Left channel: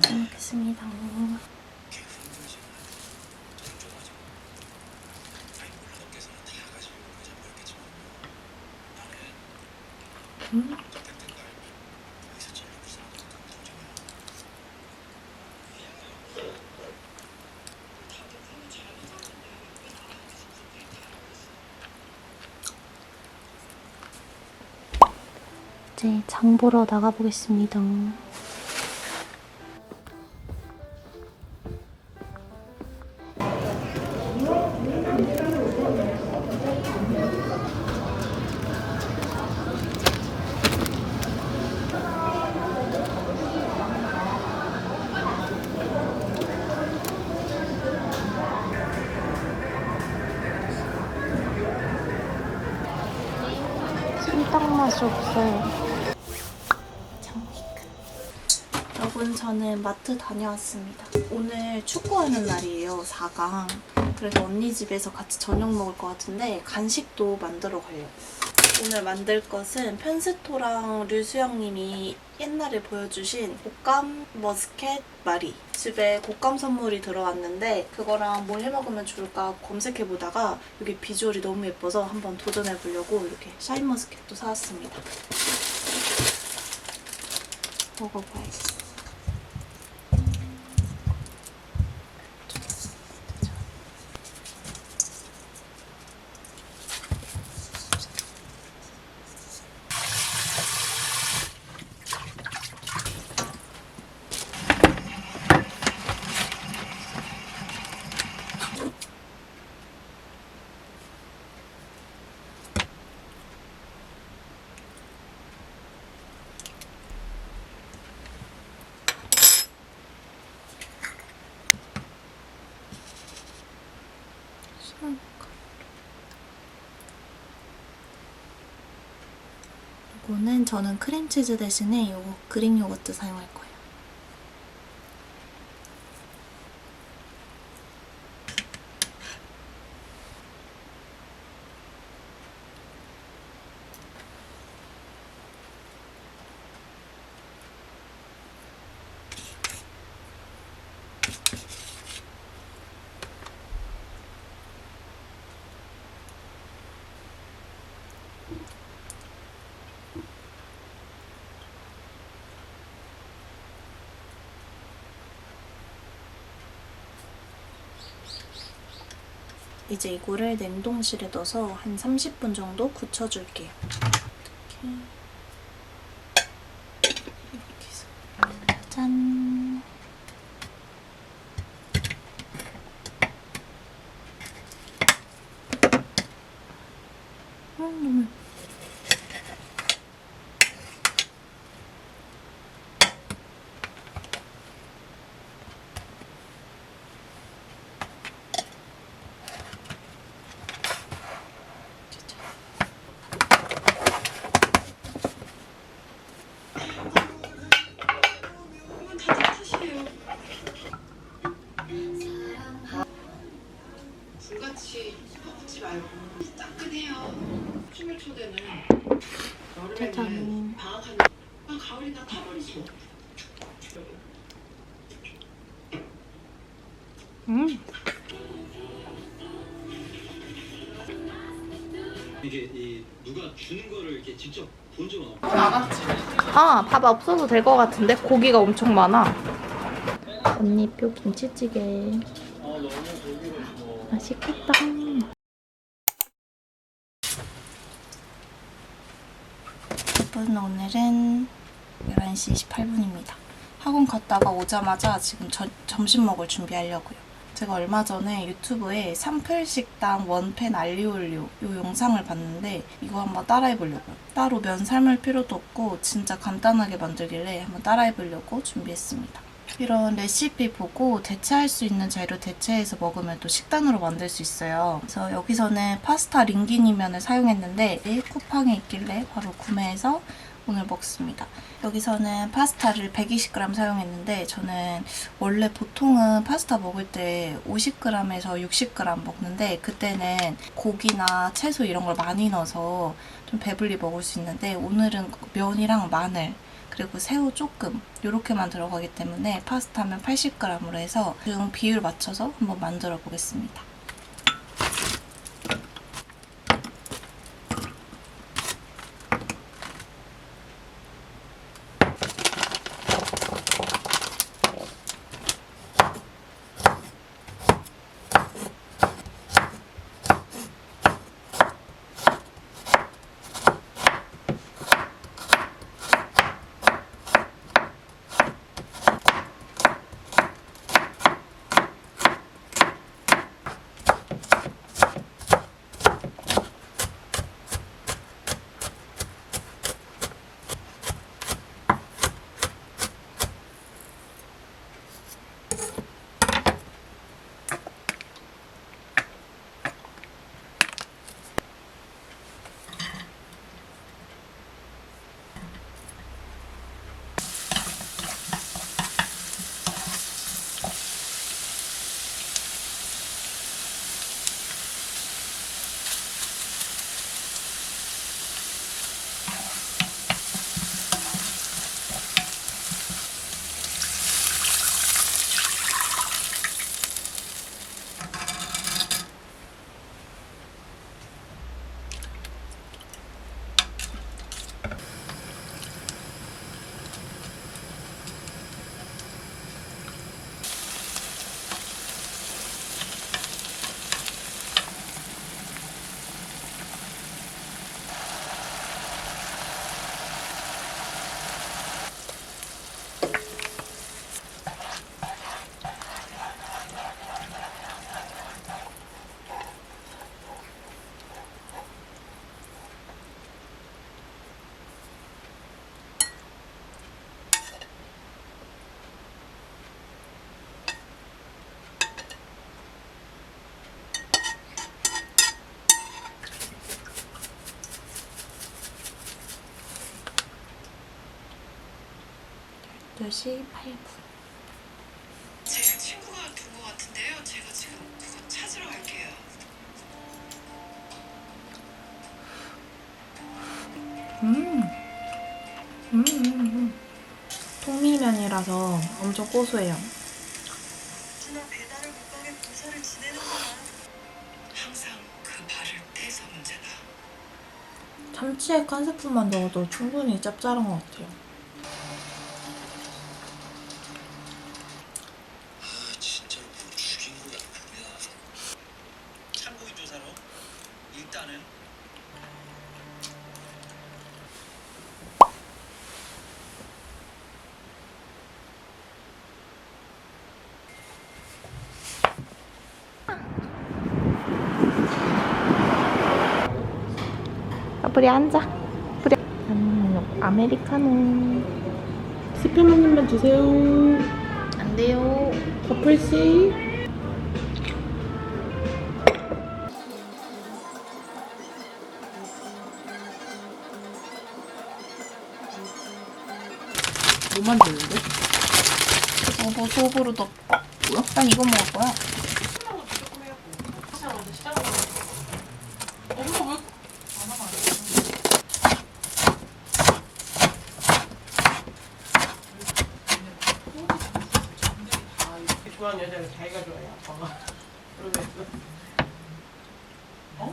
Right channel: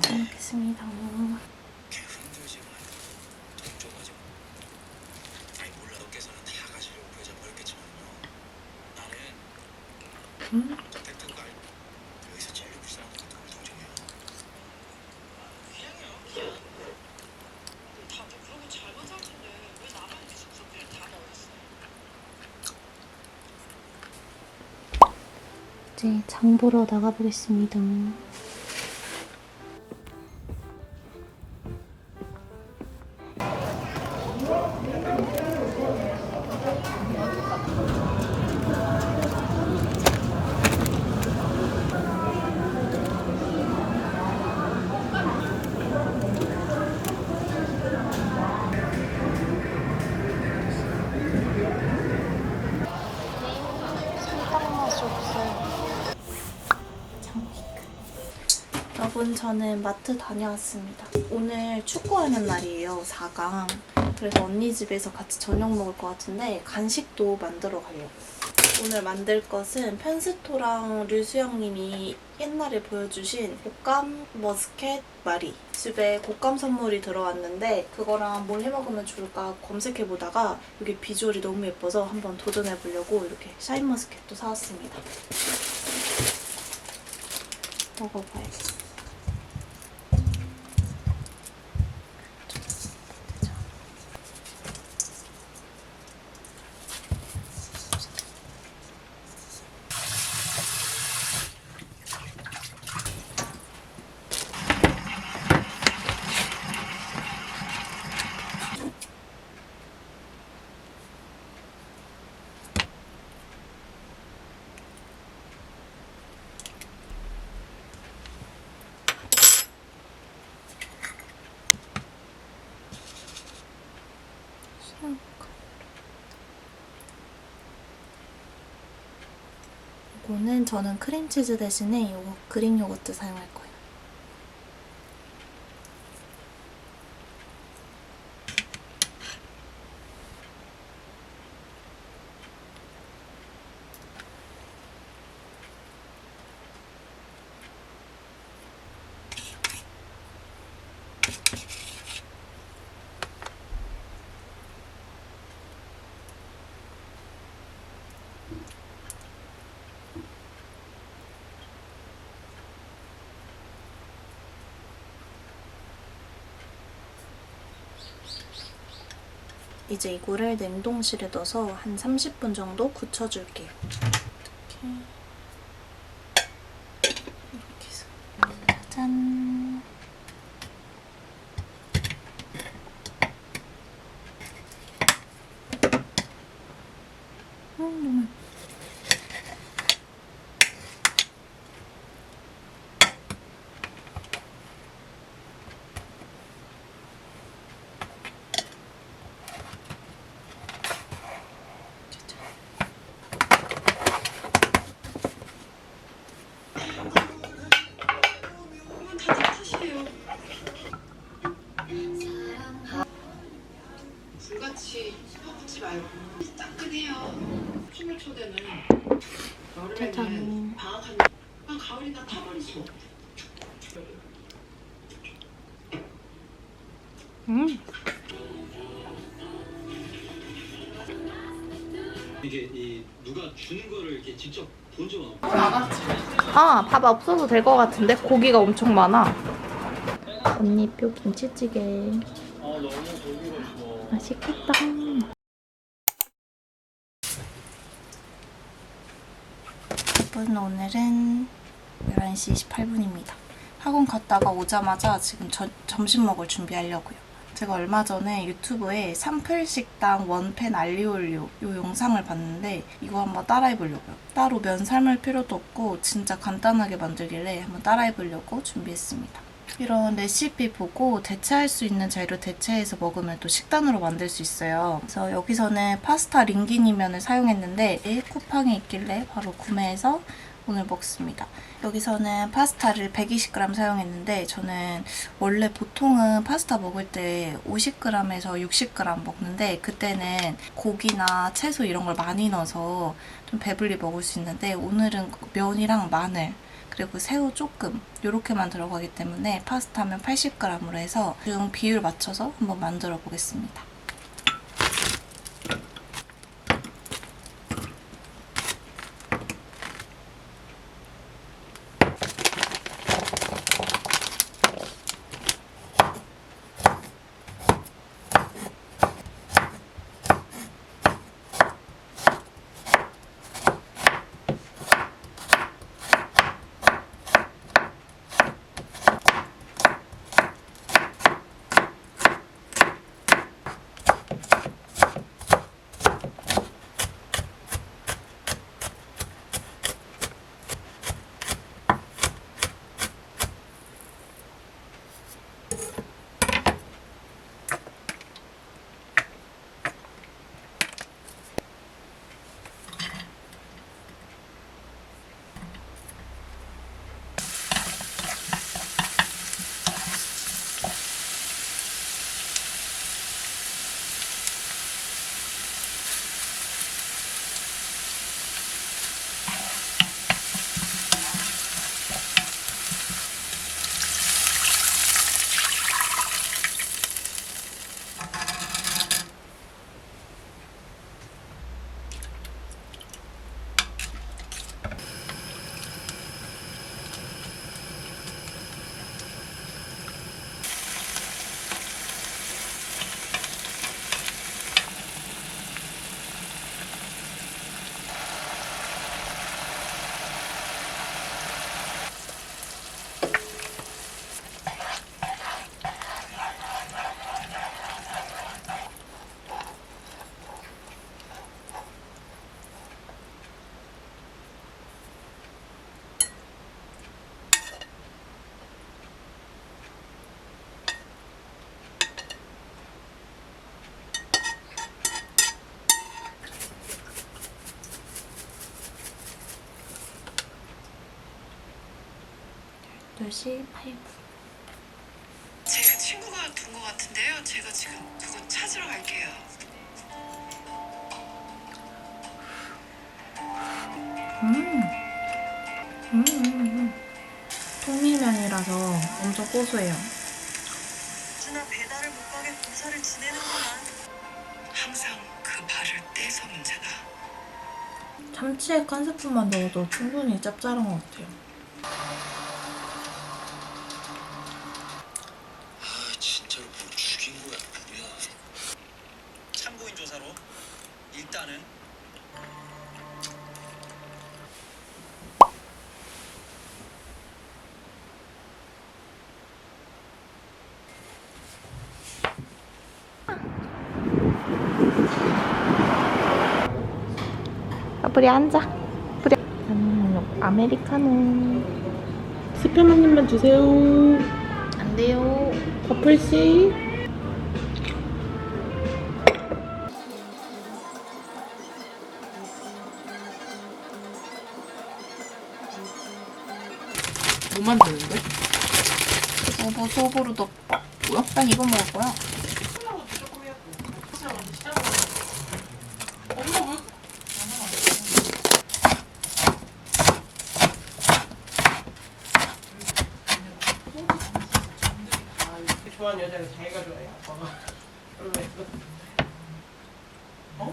잘 먹겠습니다. 이제 장 보러 나가보겠습니다. 맛이 없어요. 여러분, 저는 마트 다녀왔습니다. 오늘 축구하는 날이에요, 4강. 그래서 언니 집에서 같이 저녁 먹을 것 같은데 간식도 만들어 가려고요. 오늘 만들 것은 편스토랑 류수영님이 옛날에 보여주신 곶감 머스켓 마리. 집에 곶감 선물이 들어왔는데 그거랑 뭘 해먹으면 좋을까 검색해보다가 이게 비주얼이 너무 예뻐서 한번 도전해보려고 이렇게 샤인머스켓도 사왔습니다. 먹어봐야겠어. 이거는 저는 크림치즈 대신에 이거 그릭 요거트 사용할 거예요. 이제 이거를 냉동실에 넣어서 한 30분 정도 굳혀줄게요. 이렇게 해서 짠! 너무 예뻐. 불같이 퍼붓지 말고 따끈해요. 춤을 초대는 여름에는 방학하는 가을이나 타버리지. 이게 누가 주는 거를 이렇게 직접 본 적은 없고. 아, 밥 없어도 될 것 같은데? 고기가 엄청 많아. 언니표 김치찌개. 너무 고기가 있어. 맛있겠다. 여러분, 오늘은 11시 28분입니다. 학원 갔다가 오자마자 지금 점심 먹을 준비하려고요. 제가 얼마 전에 유튜브에 삼플식당 원팬 알리올리오 이 영상을 봤는데 이거 한번 따라해보려고요. 따로 면 삶을 필요도 없고 진짜 간단하게 만들길래 한번 따라해보려고 준비했습니다. 이런 레시피 보고 대체할 수 있는 재료 대체해서 먹으면 또 식단으로 만들 수 있어요. 그래서 여기서는 파스타 링기니면을 사용했는데 쿠팡에 있길래 바로 구매해서 오늘 먹습니다. 여기서는 파스타를 120g 사용했는데 저는 원래 보통은 파스타 먹을 때 50g에서 60g 먹는데 그때는 고기나 채소 이런 걸 많이 넣어서 좀 배불리 먹을 수 있는데 오늘은 면이랑 마늘 그리고 새우 조금 이렇게만 들어가기 때문에 파스타면 80g으로 해서 중 비율 맞춰서 한번 만들어 보겠습니다. 듯이 8분. 제 친구가 둔 것 같은데요. 제가 지금 그거 찾으러 갈게요. 통밀면이라서 엄청 고소해요. 누나 배달을 못 가게 공사를 지내는구만. 항상 그 발을 떼서 문제다. 참치액 한 스푼만 넣어도 충분히 짭짤한 것 같아요. 진짜로 뭘 죽인 거야 아니야. 참고인 조사로 일단은 뿌리 앉아. 뿌리. 아메리카노. 스팸 한 입만 주세요. 안 돼요. 커플씨. 뭐 만드는데? 소보루 덮밥. 뭐야? 난 이거 먹을 거야. 좋아하는 여자를 자기가 좋아해 아빠가. 그러면서 어?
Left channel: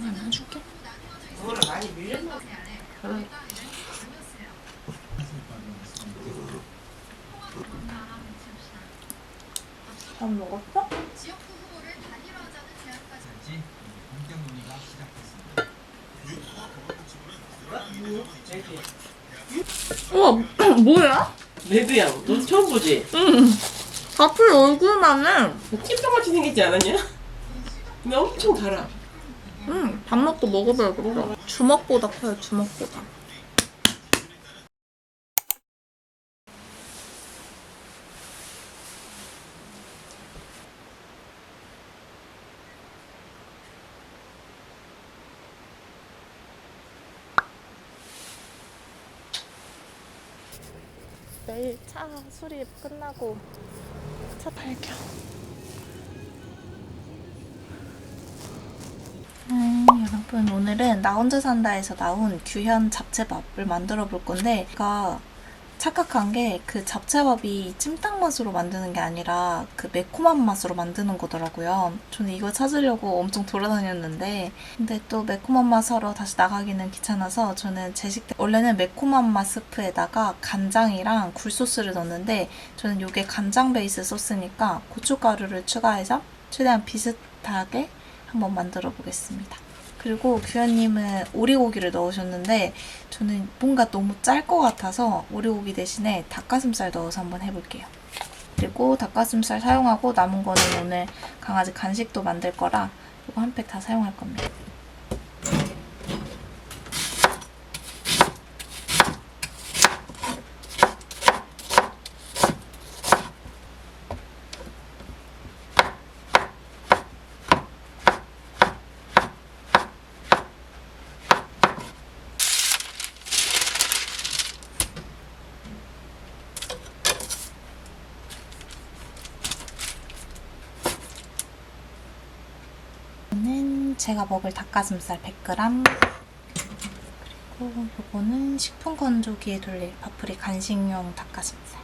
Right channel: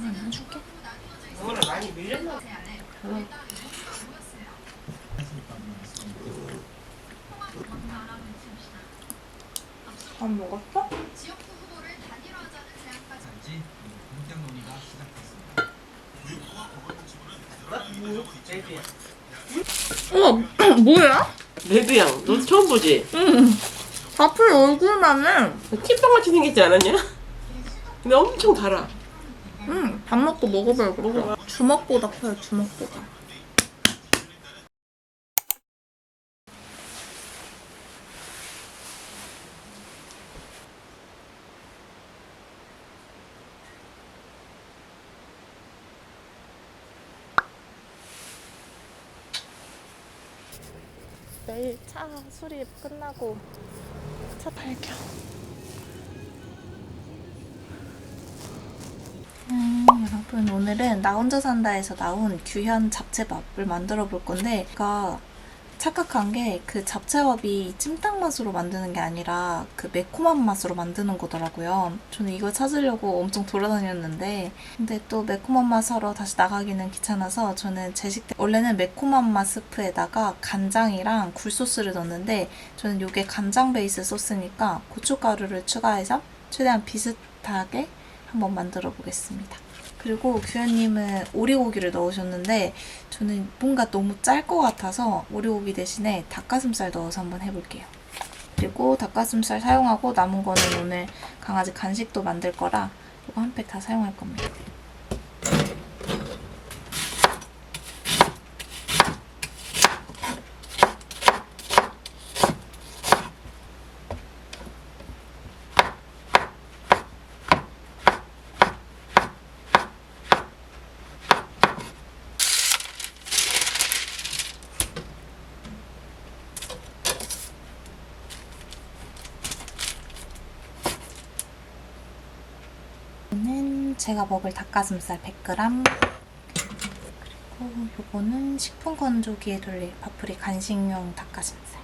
하나 줄게. 오늘 많이 밀렸나? 밥 먹었어? 우와, 뭐야? 레드양, 너 처음 보지? 응. 밥풀 얼굴만 해. kit빵같이 생겼지 않았냐? 근데 엄청 달아. 응, 밥 먹고 먹어봐야겠다. 주먹보다 커요, 주먹보다. 내일 차 수리 끝나고 차 탈게요. 여러분, 오늘은 나 혼자 산다에서 나온 규현 잡채밥을 만들어 볼 건데, 제가 착각한 게 그 잡채밥이 찜닭 맛으로 만드는 게 아니라 그 매콤한 맛으로 만드는 거더라고요. 저는 이걸 찾으려고 엄청 돌아다녔는데, 근데 또 매콤한 맛 하러 다시 나가기는 귀찮아서 저는 제식 때 원래는 매콤한 맛 스프에다가 간장이랑 굴소스를 넣었는데, 저는 이게 간장 베이스 소스니까 고춧가루를 추가해서 최대한 비슷하게 한번 만들어 보겠습니다. 그리고 규현님은 오리고기를 넣으셨는데 저는 뭔가 너무 짤 것 같아서 오리고기 대신에 닭가슴살 넣어서 한번 해볼게요. 그리고 닭가슴살 사용하고 남은 거는 오늘 강아지 간식도 만들 거라 이거 한 팩 다 사용할 겁니다. 이거는 제가 먹을 닭가슴살 100g, 그리고 요거는 식품 건조기에 돌릴 밥풀이 간식용 닭가슴살.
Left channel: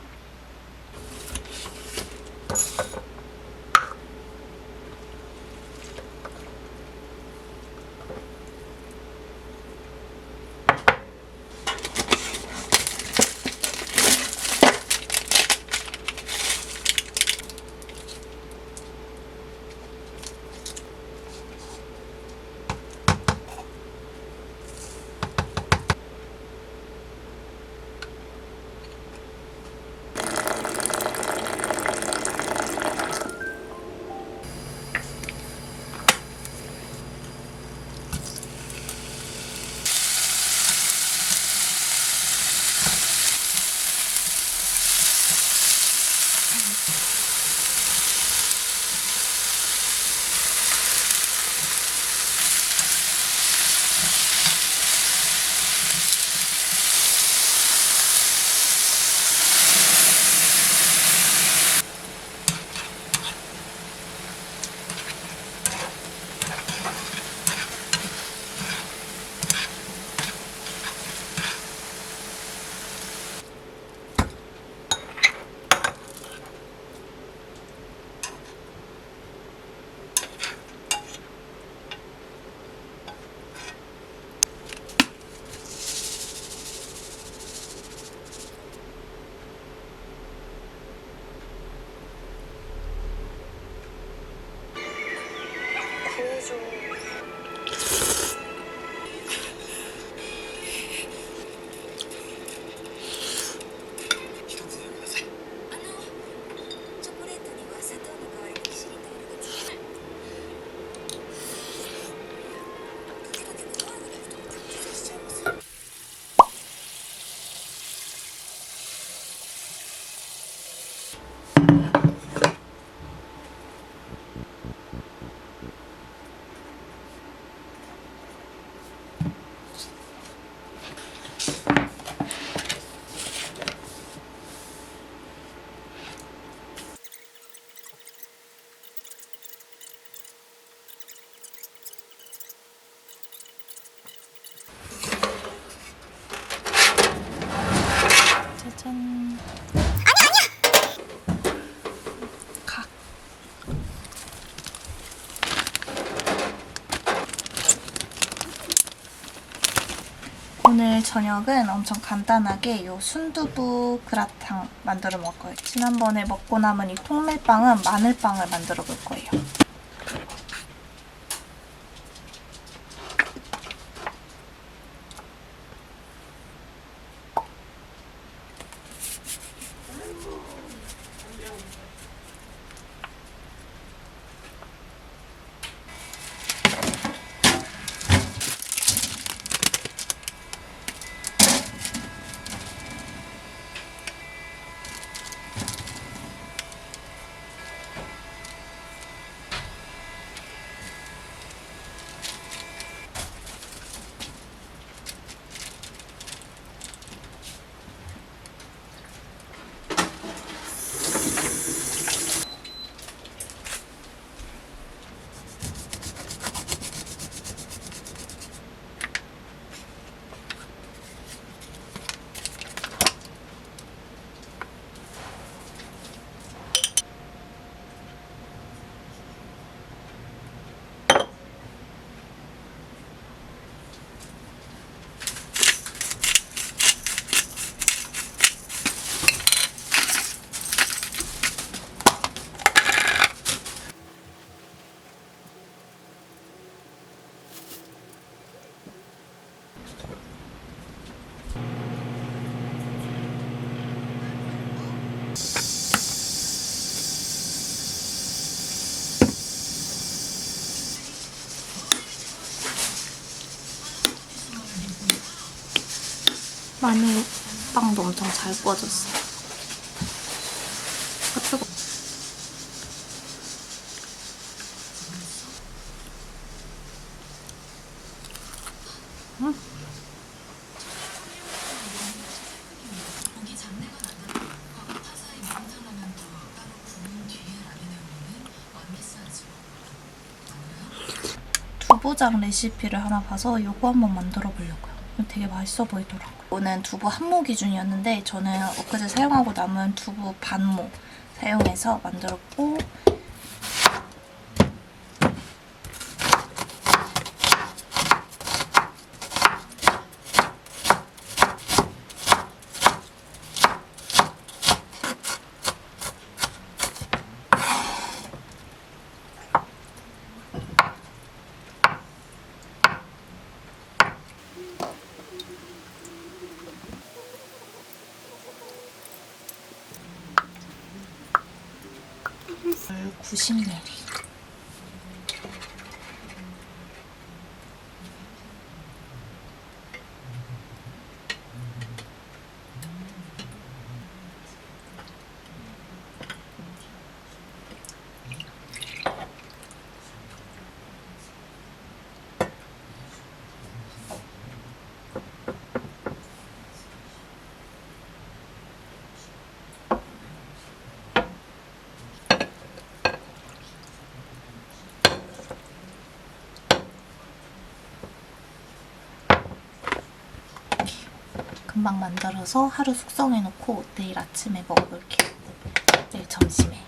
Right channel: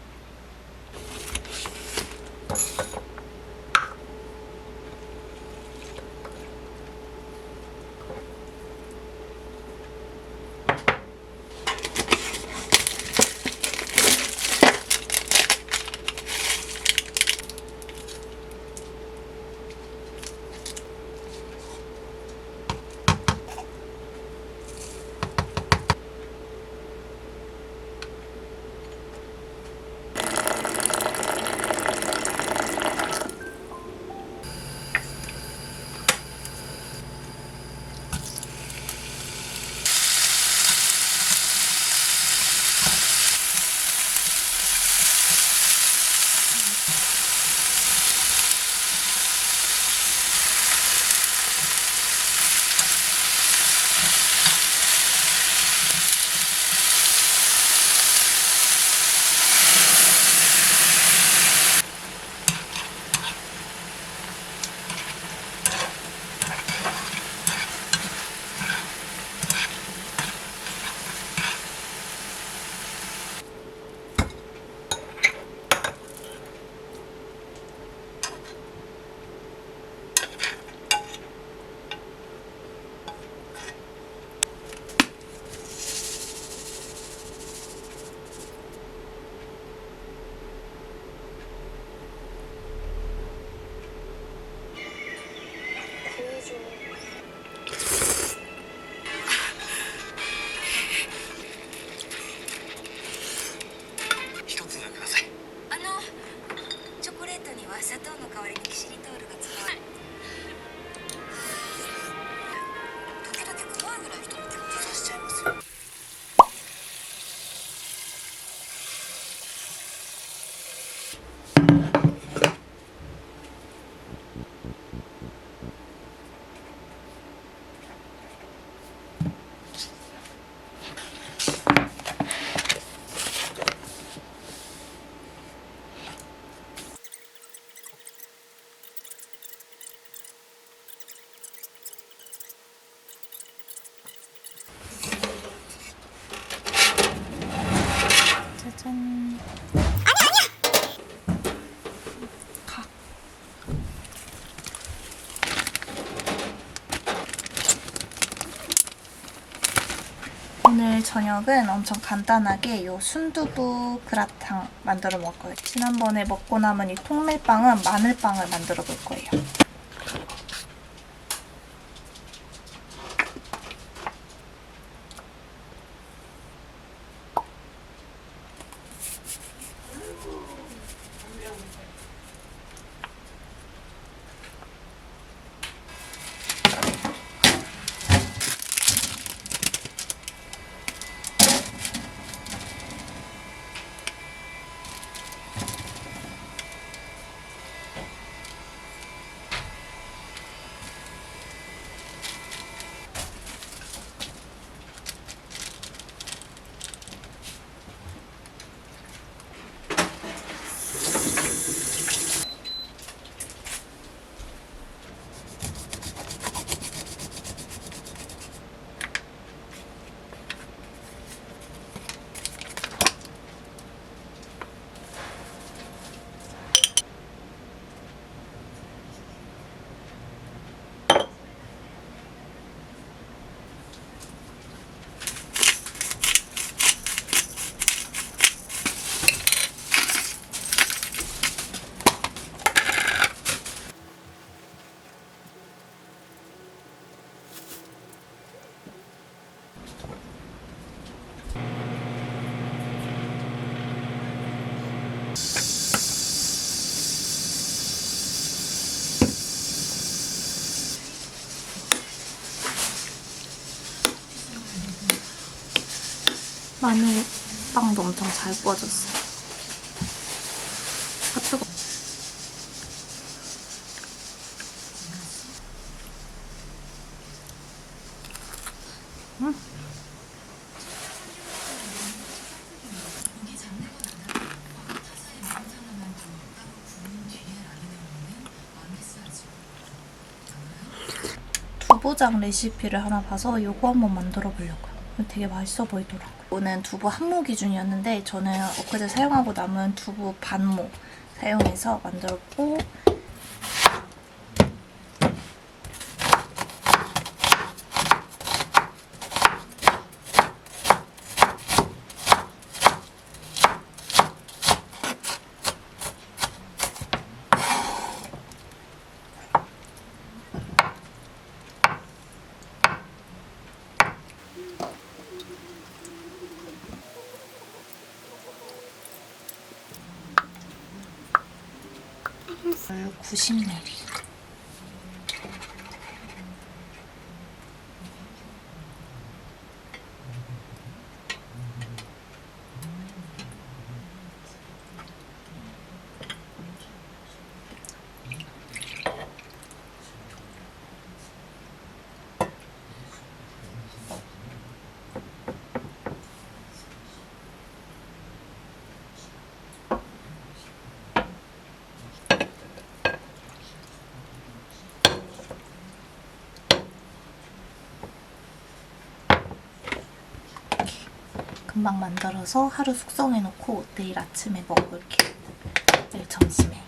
저녁은 엄청 간단하게 요 순두부 그라탕 만들어 먹을 거예요. 지난번에 먹고 남은 이 통밀빵은 마늘빵을 만들어 볼 거예요. 마늘빵도 엄청 잘 구워졌어요. 아, 뜨거. 두부장 레시피를 하나 봐서 이거 한번 만들어 보려고요. 되게 맛있어 보이더라고요. 이거는 두부 한 모 기준이었는데 저는 엊그제 사용하고 남은 두부 반모 사용해서 만들었고, 물 90ml. 금방 만들어서 하루 숙성해놓고 내일 아침에 먹어볼게요. 내일 점심에.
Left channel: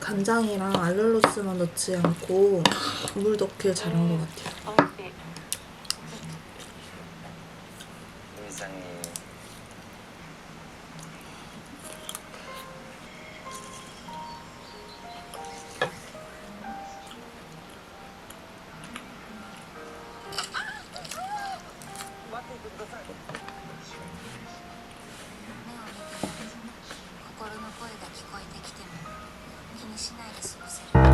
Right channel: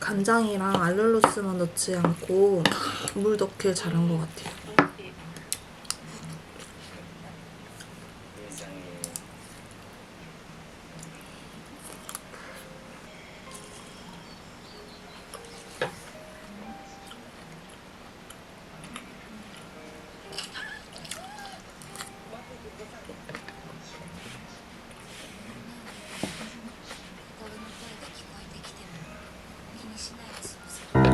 간장이랑 알룰로스만 넣지 않고 물 넣길 잘한 것 같아요. 수 없어.